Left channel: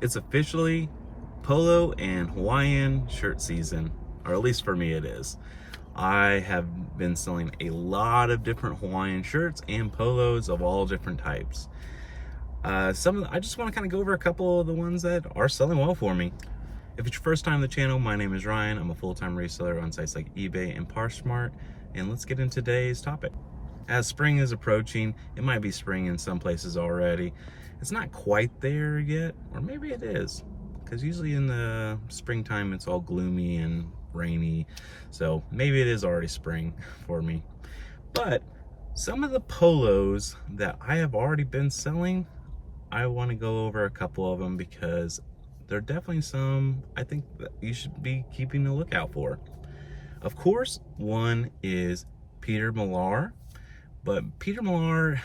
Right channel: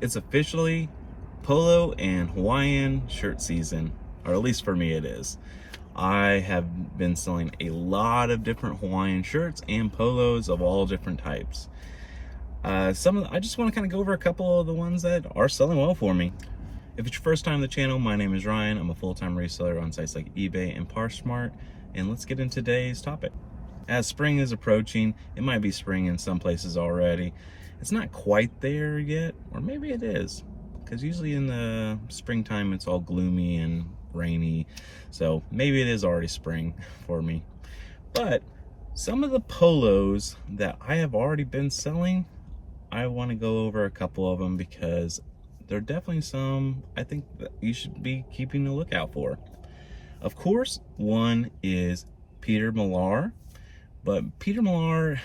It's officially Polo and Hawaiian shirt season, or at least for me it is. I have been selling a lot of different Hawaiian shirts and polos of all different types. I just want to kind of go over a couple of the ones that are selling well for me. If it's your first time on the channel, my name is Ryan. I'm a full-time reseller on sites like eBay and Poshmark, and let's get into today's topic. As spring is approaching, it might be spring in some places already. It's not quite there yet, or maybe it is, because usually in the springtime it's all gloomy and rainy, so maybe it is already spring for me. But some of the polos that I have already been selling, I want to go over a couple of them because there are definitely some I think that you should be keeping a lookout for. Of course, one is Peter Millar, but Peter Millar,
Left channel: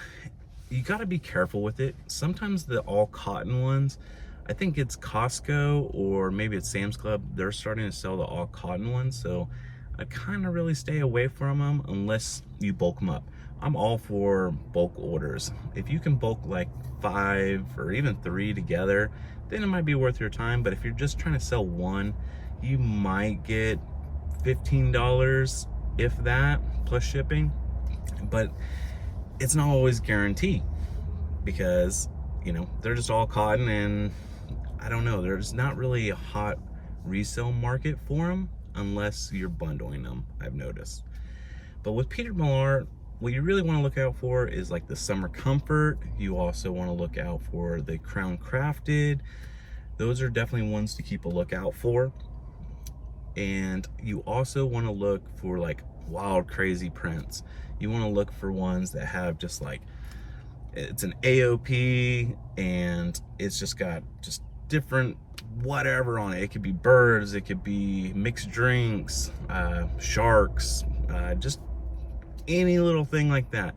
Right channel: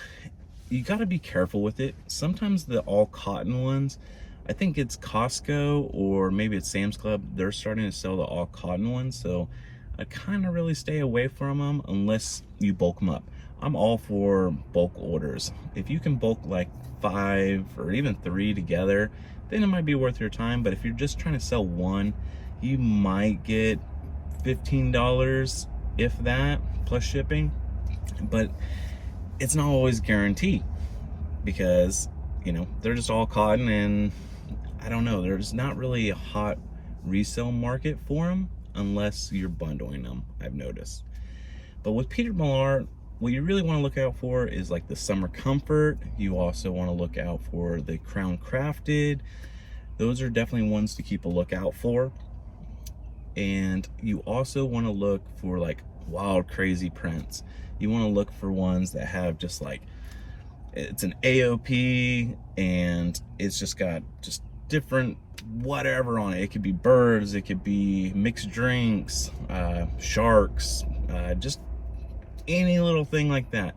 you got to be careful with it. Sometimes the all cotton ones, I think it's Costco or maybe it's Sam's Club, they're starting to sell the all cotton ones, so I kind of really stay away from them unless you bulk them up. I'm all for bulk orders. If you can bulk like 5 or even 3 together, then it might be worth your time. But if you're just trying to sell one, you might get $15, if that, plus shipping. But it's not always guaranteed because, you know, they're just all cotton, and I don't know, there's not really a hot resale market for them unless you're bundling them, I've noticed. But with Peter Millar, what you really want to look out for is like the summer comfort. You also want to look out for the crown crafted. Those are definitely ones to keep a lookout for. And you also want to look for like wild crazy prints. You want to look for ones that have just like, it's an AOP and it's just got just different whatever on it. It could be birds, it could be mixed drinks, sharks, just any little thing like that.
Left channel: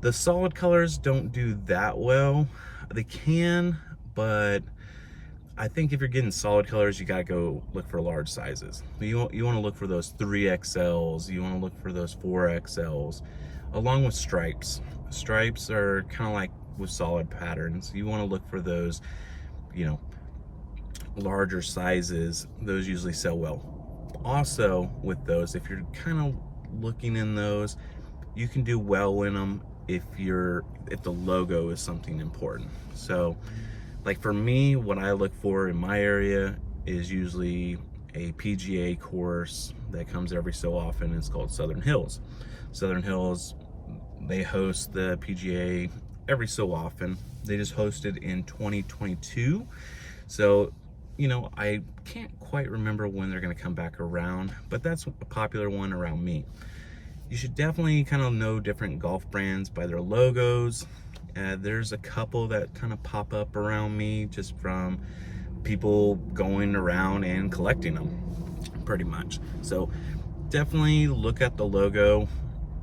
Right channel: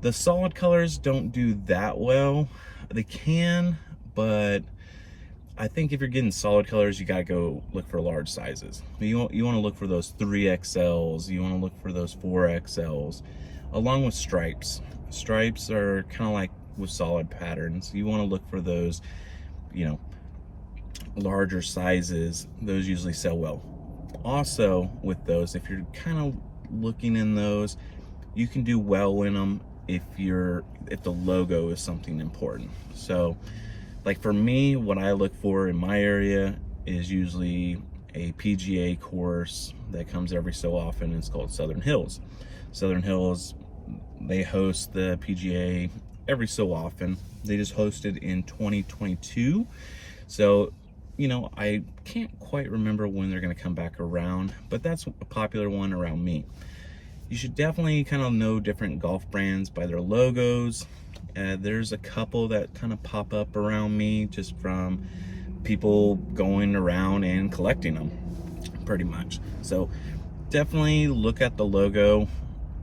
The solid colors don't do that well. They can, but I think if you're getting solid colors, you gotta go look for large sizes. You want to look for those 3XLs, you want to look for those 4XLs, along with stripes. Stripes are kind of like with solid patterns. You want to look for those, you know, larger sizes. Those usually sell well. Also with those, if you're kind of looking in those, you can do well in them if the logo is something important. So like for me, what I look for in my area is usually a PGA course that comes every so often. It's called Southern Hills. Southern Hills, they host the PGA every so often. They just hosted in 2022. So, you know, I can't quite remember when they're going to come back around, but that's a popular one around me. You should definitely kind of know different golf brands by their logos. There's a couple that kind of pop up around me just from people going around and collecting them, pretty much. So definitely look at the logo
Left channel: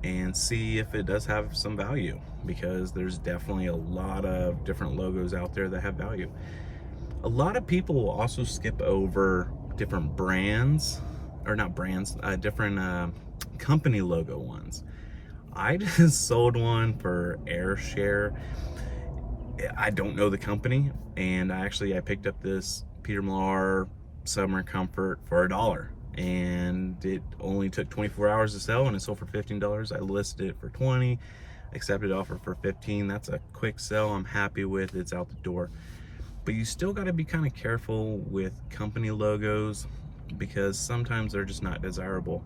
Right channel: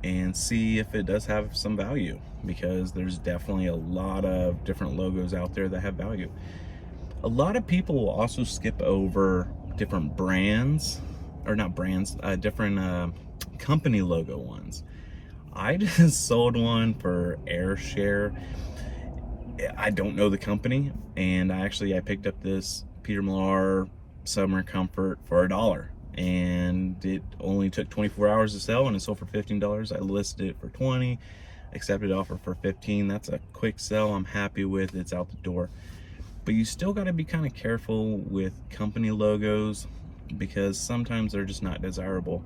and see if it does have some value, because there's definitely a lot of different logos out there that have value. A lot of people will also skip over different brands, or not brands, different company logo ones. I just sold one for AirShare. I don't know the company, and I picked up this Peter Millar Summer Comfort for $1, and it only took 24 hours to sell, and it sold for $15. I listed it for 20, accepted offer for 15. That's a quick sell. I'm happy with it. It's out the door. But you still got to be kind of careful with company logos because sometimes they're just not desirable.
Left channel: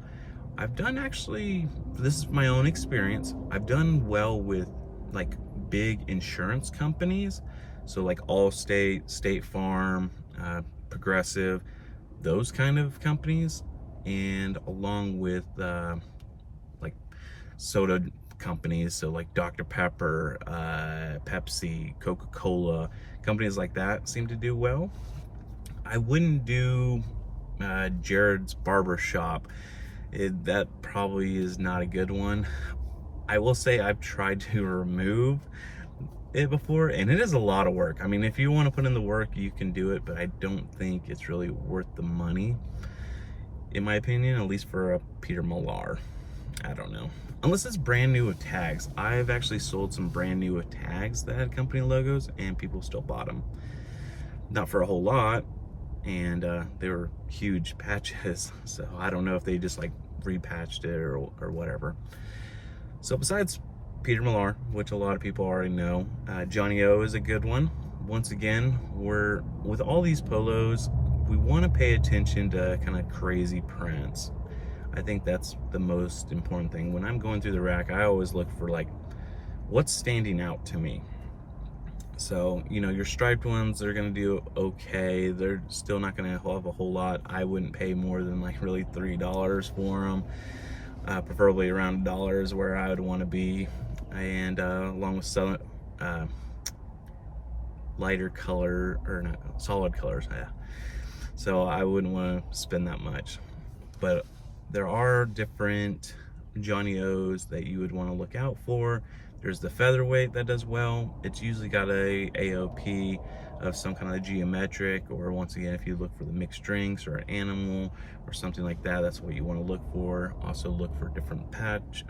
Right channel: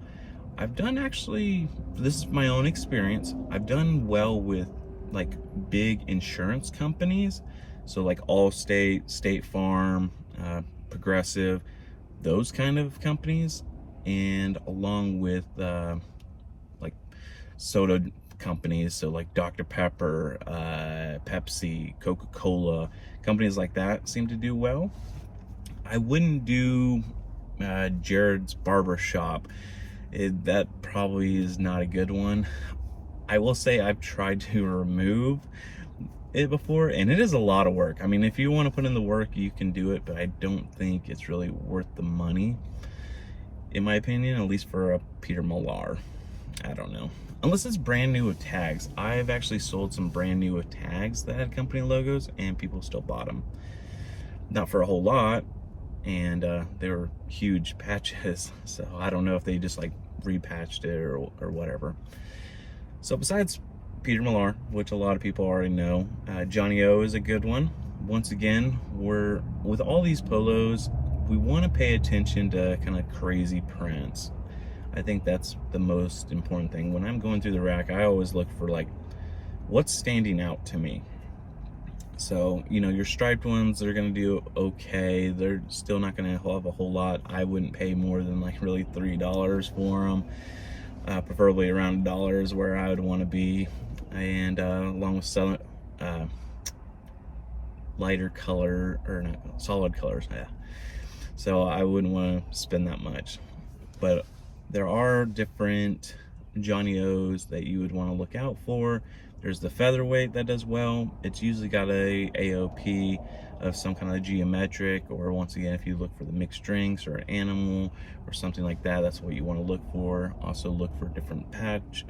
I've done, actually, this is my own experience, I've done well with like big insurance companies. So like Allstate, State Farm, Progressive, those kind of companies. And along with like soda companies, so like Dr. Pepper, Pepsi, Coca-Cola, companies like that seem to do well. I wouldn't do Jared's Barber Shop. That probably is not a good one. I will say I've tried to remove it before, and it is a lot of work. I mean, if you want to put in the work, you can do it, but I don't think it's really worth the money, in my opinion, at least for a Peter Millar. I don't know. Unless it's brand new with tags. I've actually sold some brand new with tags that had company logos, and people still bought them. not for a whole lot, and they were huge patches. So I don't know if they just like repatched it or whatever. So besides Peter Millar, which a lot of people already know, Johnny O is a good one. Once again, with all these polos, we want to pay attention to kind of crazy prints. I think that's the most important thing. When I'm going through the rack, I always look for like, what's standing out to me? So, you know, your striped ones, they're gonna do okay. They're still not gonna have a whole lot. I wouldn't pay more than like really $3 for them. Preferably around $1 is where I would want to be. And along with lighter color, or not, solid colors, yeah. So I wouldn't want to spend that much. But there are different Johnny O's that you would want to look out for. There's the featherweight that does well. It's usually got a AOP of some kind of geometric, or once again, if you look for the mixed drinks or an animal or something like that, that's what you want to look for. Also look for different patch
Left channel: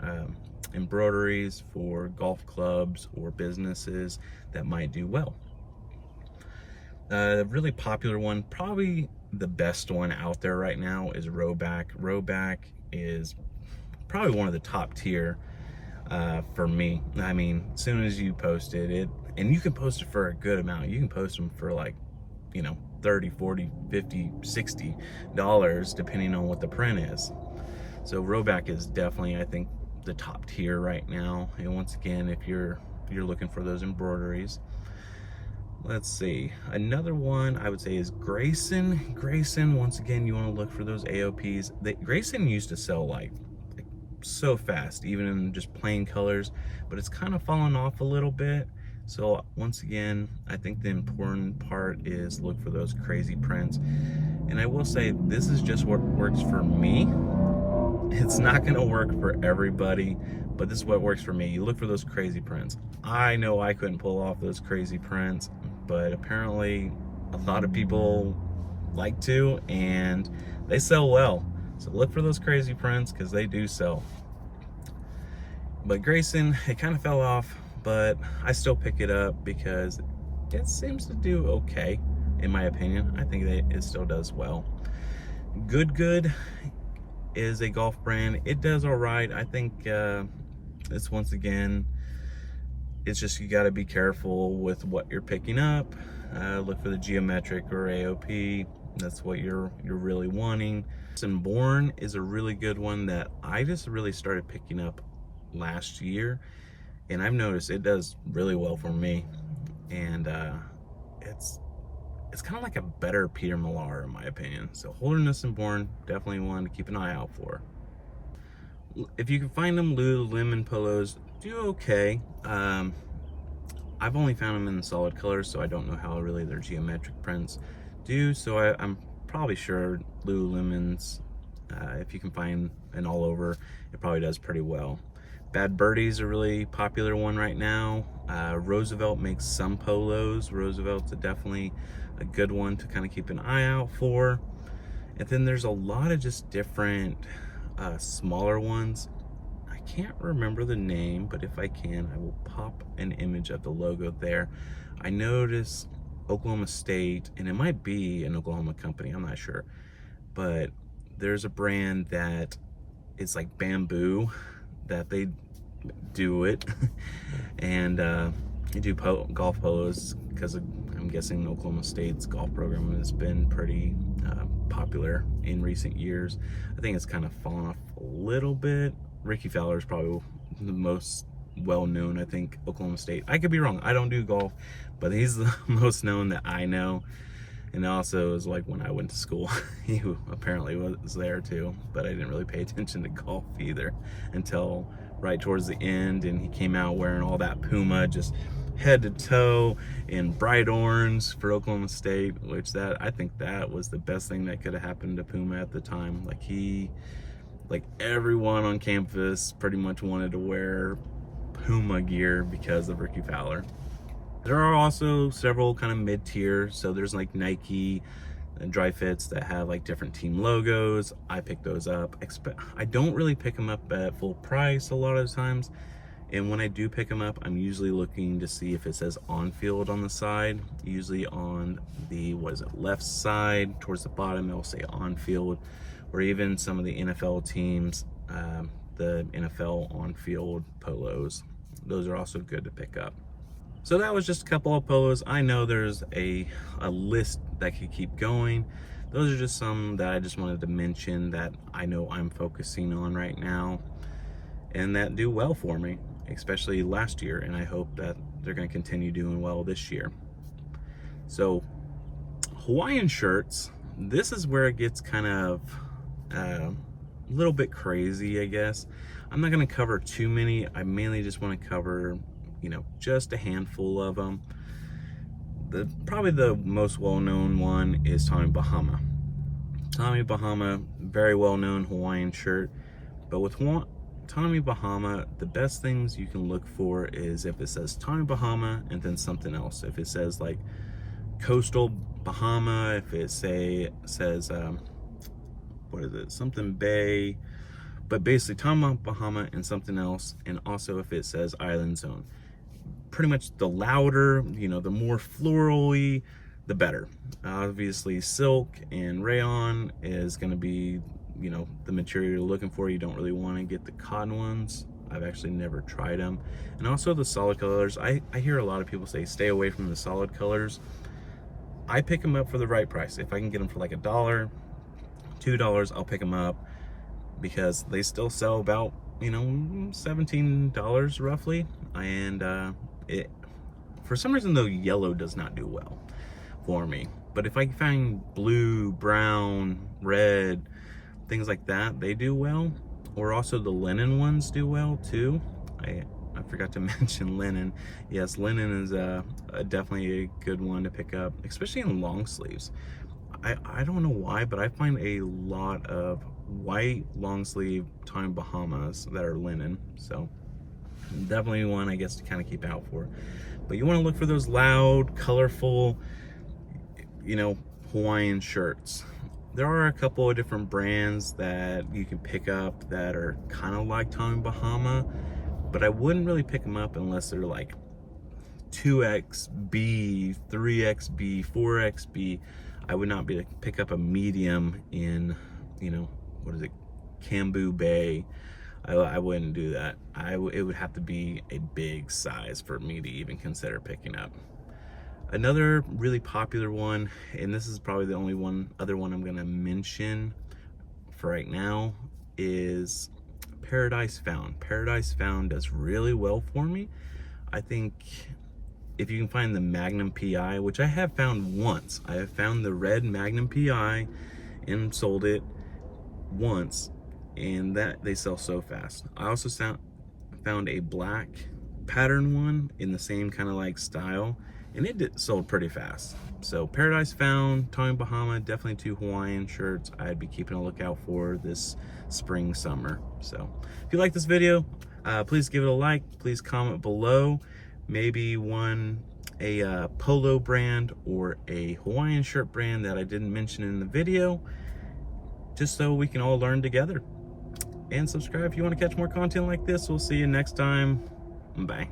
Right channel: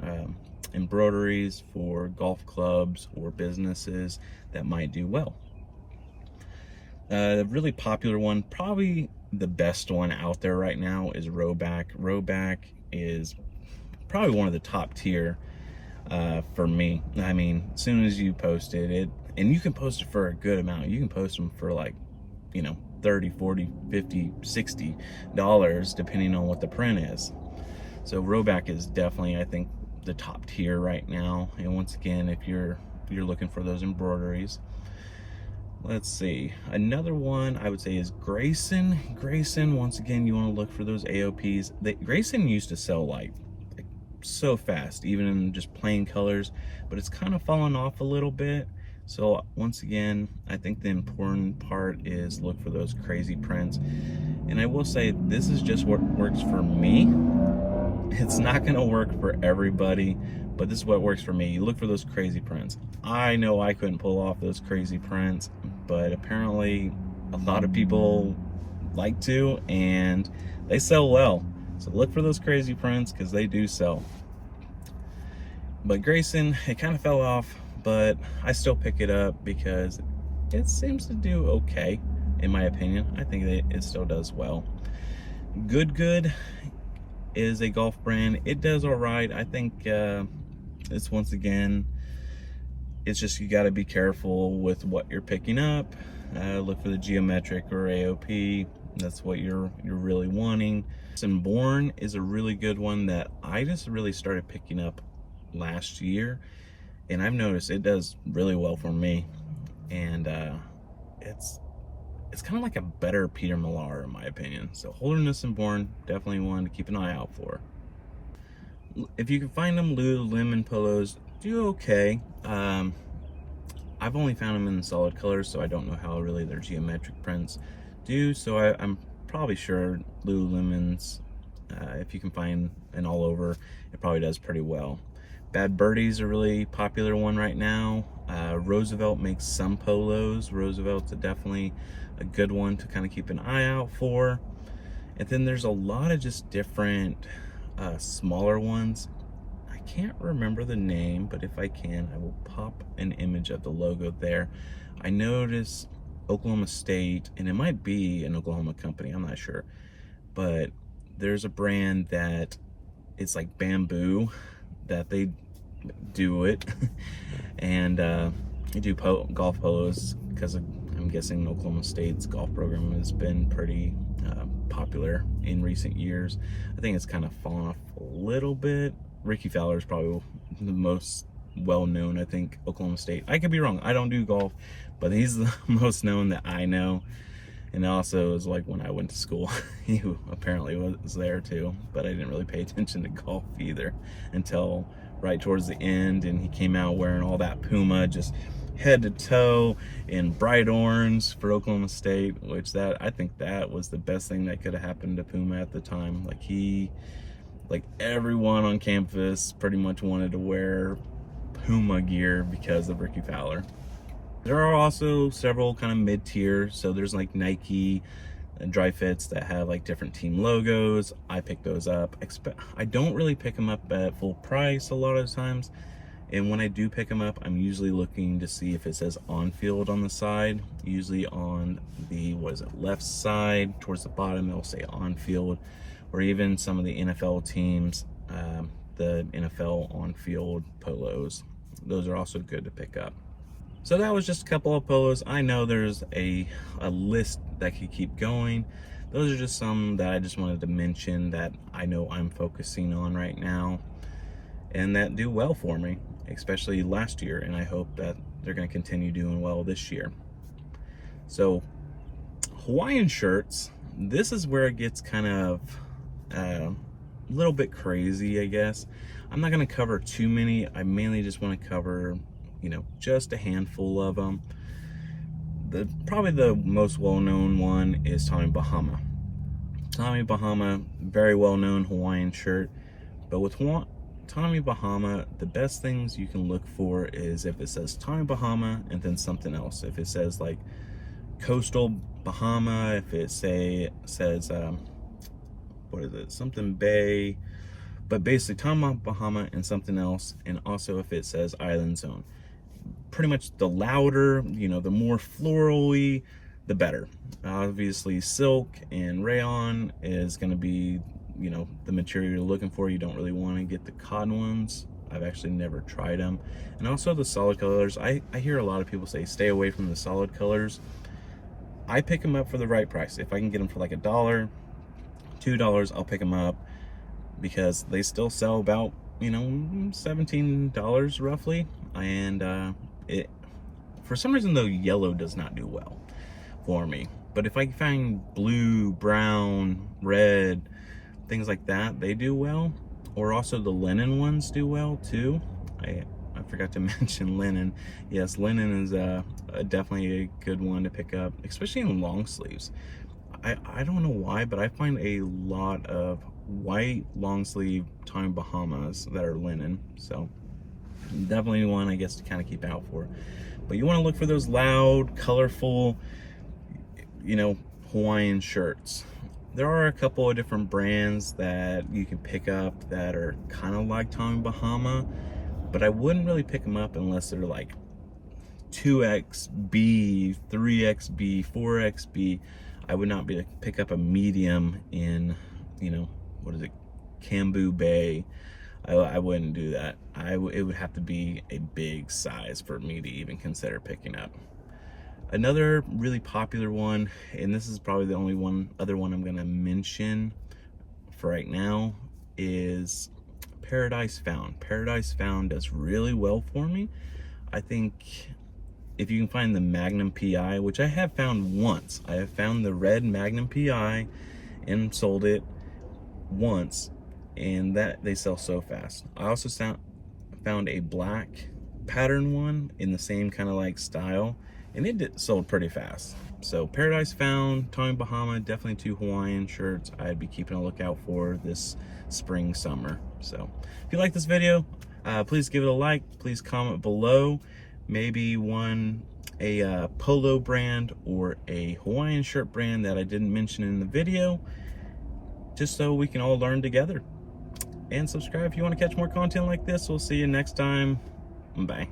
embroideries for golf clubs or businesses that might do well. The really popular one, probably the best one out there right now, is Rowback. Rowback is probably one of the top tier for me. I mean, as soon as you post it, and you can post it for a good amount. You can post them for like, you know, $30, $40, $50, $60, depending on what the print is. So Rowback is definitely, I think, the top tier right now. And once again, if you're looking for those embroideries. Let's see, another one I would say is Grayson. Grayson, once again, you want to look for those AOPs. Grayson used to sell like so fast, even in just plain colors, but it's kind of fallen off a little bit. So once again, I think the important part is look for those crazy prints. And I will say, this is just what works for me. It's not going to work for everybody, but this is what works for me. You look for those crazy prints. I know I couldn't pull off those crazy prints, but apparently a lot of people like to, and they sell well. So look for those crazy prints, because they do sell. But Grayson, it kind of fell off, but I still pick it up because it seems to do okay, in my opinion. I think that it still does well. Good is a golf brand. It does all right. I think it's, once again, it's just, you got to be careful with what you're picking up. Look for the geometric or AOP. That's what you're really wanting. And Born is a really good one that I just really started picking up last year, and I've noticed it does really well for me. And it's kind of like a better Peter Millar, in my opinion. So Holderness and Born, definitely one to keep an eye out for. If you can find them, Lululemon polos do okay. I've only found them in solid colors, so I don't know how really their geometric prints do. So I'm probably sure Lululemon's, if you can find an all over, it probably does pretty well. Bad Birdie's a really popular one right now. Roosevelt makes some polos. Roosevelt's definitely a good one to kind of keep an eye out for. And then there's a lot of just different smaller ones. I can't remember the name, but if I can, I will pop an image of the logo there. I noticed Oklahoma State, and it might be an Oklahoma company, I'm not sure, but there's a brand that it's like bamboo that they do it and they do golf polos, because I'm guessing Oklahoma State's golf program has been pretty popular in recent years. I think it's kind of fallen off a little bit. Ricky Fowler is probably the most well-known, I think, Oklahoma State. I could be wrong, I don't do golf, but he's the most known that I know. And also, it was like when I went to school, he apparently was there too, but I didn't really pay attention to golf either until right towards the end, and he came out wearing all that Puma, just head to toe in bright orange for Oklahoma State, which I think that was the best thing that could have happened to Puma at the time. Like everyone on campus pretty much wanted to wear Puma gear because of Ricky Fowler. There are also several kind of mid-tier, so there's like Nike and Dry Fits that have like different team logos. I pick those up. I don't really pick them up at full price a lot of times, and when I do pick them up, I'm usually looking to see if it says on field on the side, usually on the what is it, left side towards the bottom, it will say on field, or even some of the NFL teams, the NFL on field polos. Those are also good to pick up. So that was just a couple of polos. I know there's a list that could keep going. Those are just some that I just wanted to mention that I know I'm focusing on right now and that do well for me, especially last year, and I hope that they're going to continue doing well this year. So Hawaiian shirts, this is where it gets kind of a little bit crazy, I guess. I'm not going to cover too many. I mainly just want to cover, you know, just a handful of them. Probably the most well-known one is Tommy Bahama. Tommy Bahama, very well-known Hawaiian shirt, but with Tommy Bahama, the best things you can look for is if it says Tommy Bahama and then something else. If it says like Coastal Bahama, if it says what is it, something Bay, but basically Tommy Bahama and something else, and also if it says Island Zone. Pretty much the louder, you know, the more florally, the better. Obviously silk and rayon is going to be, you know, the material you're looking for. You don't really want to get the cotton ones. I've actually never tried them. And also the solid colors. I hear a lot of people say stay away from the solid colors. I pick them up for the right price. If I can get them for like $1, $2, I'll pick them up, because they still sell about, you know, $17 roughly. And it, for some reason though, yellow does not do well for me. But if I find blue, brown, red, things like that, they do well. Or also the linen ones do well too. I forgot to mention linen. Yes, linen is definitely a good one to pick up, especially in long sleeves. I don't know why, but I find a lot of white long sleeve Tommy Bahamas that are linen. So definitely one, I guess, to kind of keep out for. But you want to look for those loud, colorful, you know, Hawaiian shirts. There are a couple of different brands that you can pick up that are kind of like Tommy Bahama, but I wouldn't really pick them up unless they're like 2XB, 3XB, 4XB. I would not be to pick up a medium in, you know, what is it, Cambu Bay. I wouldn't do that. It would have to be a big size for me to even consider picking up. Another really popular one, and this is probably the only other one I'm gonna mention for right now, is Paradise Found. Paradise Found does really well for me. I think if you can find the Magnum PI, which I have found once. I have found the red Magnum PI and sold it once, and that they sell so fast. I also found a black pattern one in the same kind of like style, and it sold pretty fast. So Paradise Found, Tommy Bahama, definitely two Hawaiian shirts I'd be keeping a lookout for this spring, summer. So if you like this video, please give it a like. Please comment below. Maybe a Polo brand or a Hawaiian shirt brand that I didn't mention in the video, just so we can all learn together. And subscribe if you want to catch more content like this. We'll see you next time. Bye.